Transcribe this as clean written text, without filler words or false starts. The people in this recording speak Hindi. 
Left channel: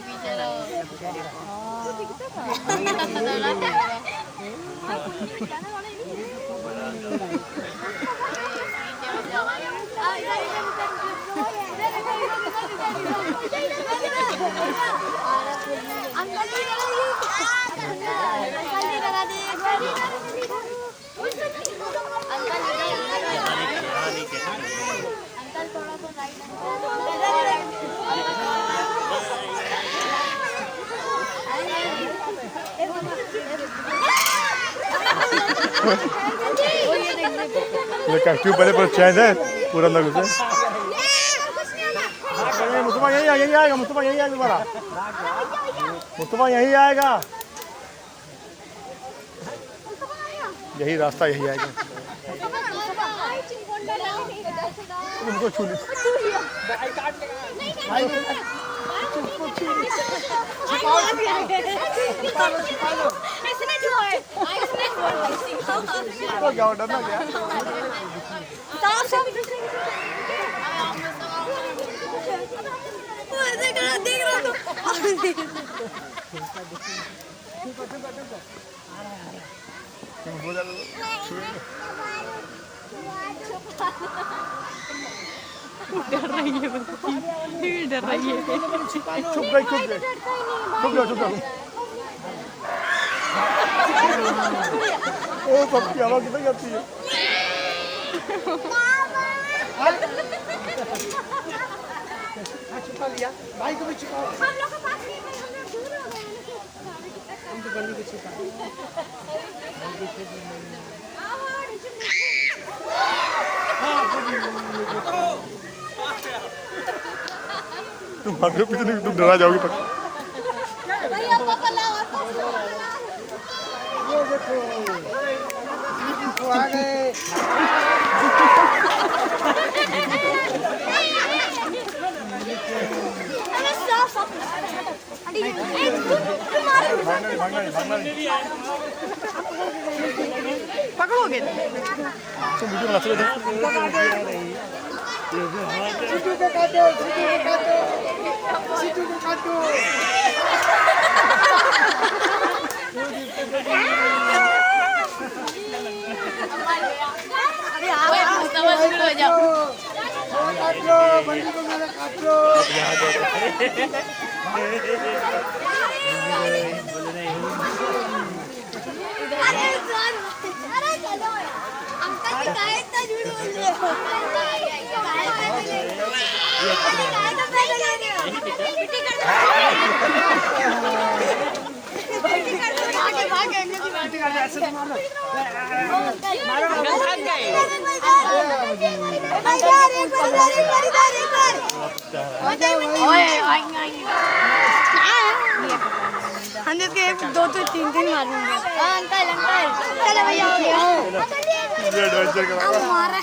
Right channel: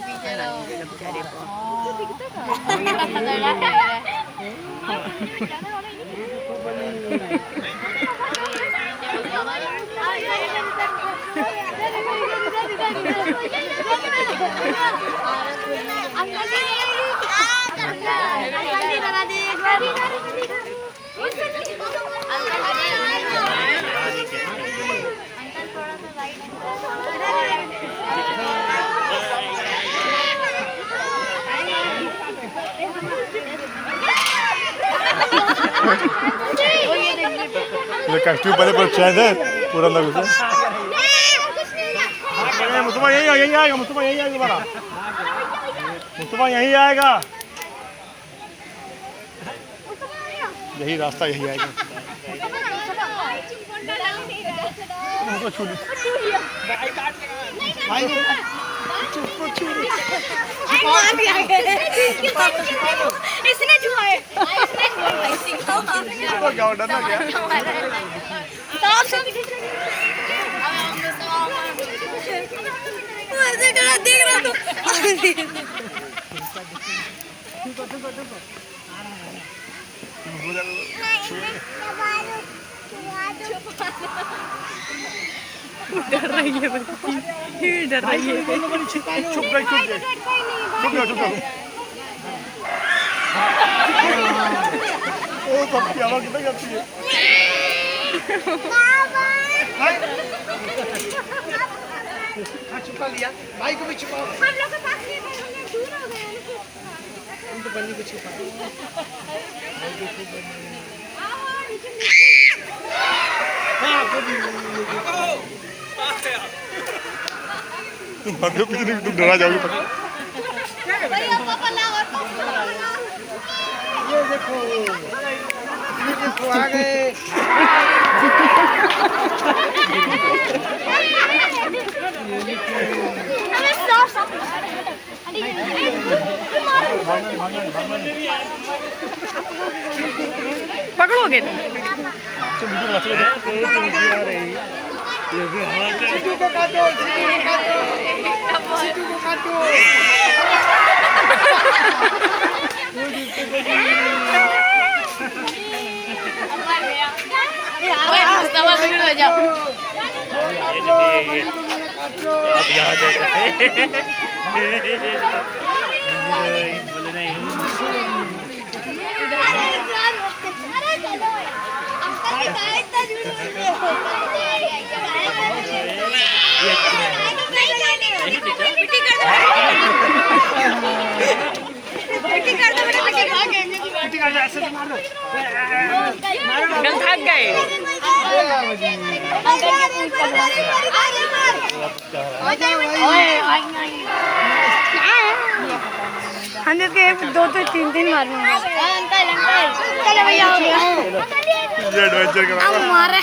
picture daw. Bersari po. ये कष्टी पहले पर चैन है पूरा लगे से मुस्तफा यही आएगा मुस्तफा यही आएगा तुम्हारा मुस्तफा यही आएगा यही रास्ता यही आएगा उनको छू लो इसने छुआ है तो क्या डरना क्या ऐसे करा देख रहा तो डर रही है बच्ची डर रही है चुप गई ओ कब की आवाज किधर जाती है छुपा लिया भाई को भी छुपाओ हम लोग के पास नहीं दूर हो गए हम तो बन्नी को छुपा तुम भागो पीछे तुम डरा जाओगे ये देखो आ गए पकड़ोगे सीटू को काटो सीटू को काटो ओए मुस्तफा तुम हो जाओ बोले नहीं अरे चलो अंकल की गाय इतना झूठ पिटी कर दो पिटी कर दो बेटा भाग गए पिटी कर ऐसे मार दो अंकल थक गए हम इसके 2 3 मारेंगे अंकल ये एडवेंचर करा मारे